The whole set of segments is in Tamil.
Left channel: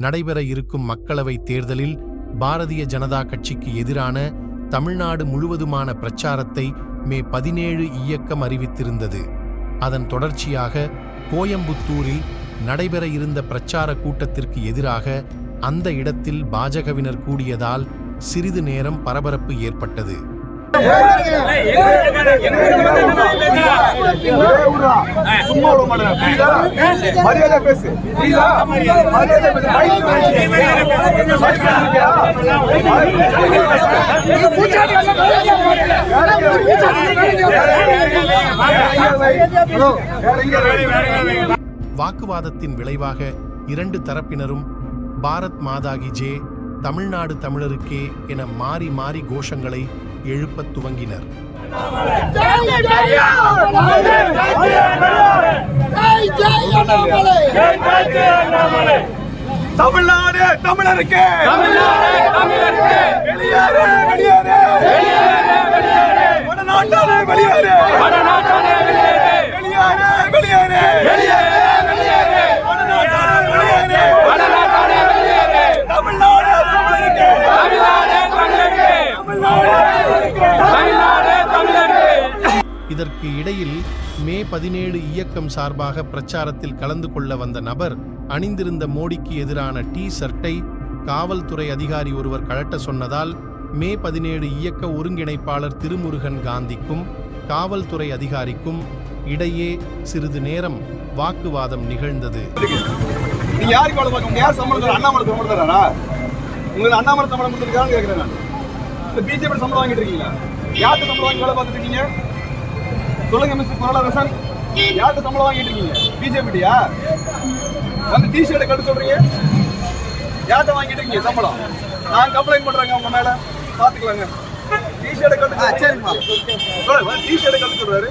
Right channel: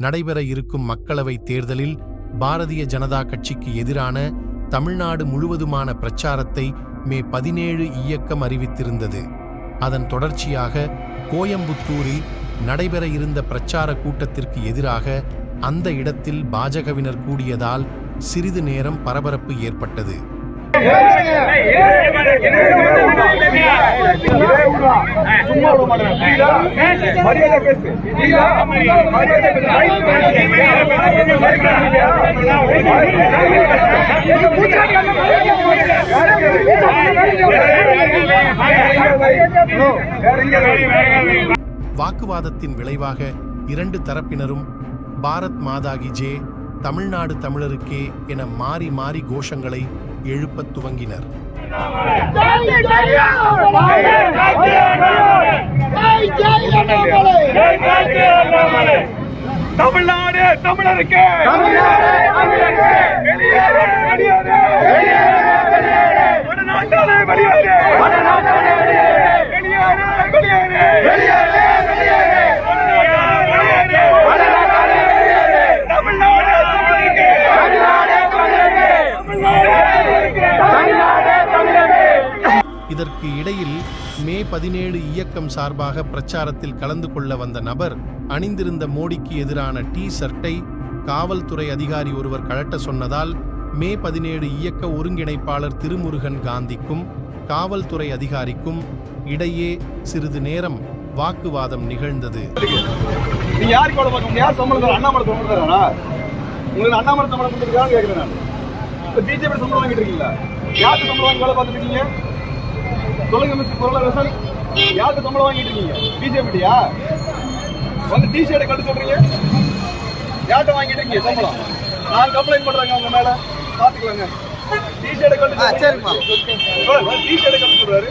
நடைபெற இருக்கும் மக்களவை தேர்தலில் பாரதிய ஜனதா கட்சிக்கு எதிரான தமிழ்நாடு முழுவதுமான பிரச்சாரத்தை மே பதினேழு இயக்கம் அறிவித்திருந்தது அதன் தொடர்ச்சியாக கோயம்புத்தூரில் நடைபெற இருந்த பிரச்சார கூட்டத்திற்கு எதிராக அந்த இடத்தில் பாஜகவினர் கூடியதால் சிறிது நேரம் பரபரப்பு ஏற்பட்டது சும்மா விட மாட்டேன். புரியுதா? மரியாதை பேசு. புரியுதா? மரியாதை பேசு. மைக் மைக் வாக்குவாதத்தின் விளைவாக இரண்டு தரப்பினரும் பாரத் மாதாகி ஜே தமிழ்நாடு தமிழருக்கே என மாறி மாறி கோஷங்களை எழுப்பத் துவங்கினர். தமிழ்நாடு தமிழருக்கு. தமிழ்நாடு வெளியேறு வெளியேறு. வடநாட்டாளே வெளியேறு வெளியேறு வெளியேறு வடநாட்டாளே வெளியேறு தமிழ்நாடு தமிழருக்கு இதற்கு இடையில் மே பதினேழு இயக்கம் சார்பாக பிரச்சாரத்தில் கலந்து கொள்ள வந்த நபர் அணிந்திருந்த மோடிக்கு எதிரான டி ஷர்ட்டை காவல்துறை அதிகாரி ஒருவர் கழட்ட சொன்னதால் மே பதினேழு இயக்க ஒருங்கிணைப்பாளர் திருமுருகன் காந்திக்கும் காவல்துறை அதிகாரிக்கும் இடையே சிறிது நேரம் வாக்குவாதம் நிகழ்ந்தது. நீங்க சொல்லுங்க மிஸ்டர் குரலரசன் யாருக்கு சம்பளம் வாங்கிட்டு இருக்கீங்க? பிஜேபிட்டியா வந்து டி ஷர்ட்டை கட்டு சொல்றீங்க? யார்கிட்ட வாங்கிட்டு இருக்கீங்க சம்பளம்? நான் கம்ப்ளைண்ட் பண்றேங்க உங்க மேல. பாத்துக்கலாங்க. டி ஷர்ட்டை கட்டு சரிம்மா டி ஷர்ட்டை கட்டு சொல்றாரு.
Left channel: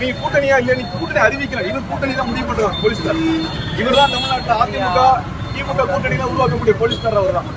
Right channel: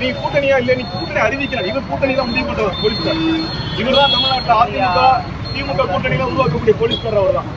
நீ கூட்டணியா இல்ல நீ கூட்டணி அறிவிக்கல. இவர் கூட்டணி தான் முடிவு பண்றவர் போலீஸ்கார் இவர் தான் தமிழ்நாட்டுல அதிமுக திமுக கூட்டணி தான் உருவாக்கக்கூடிய போலீஸ்கார் அவர் தான்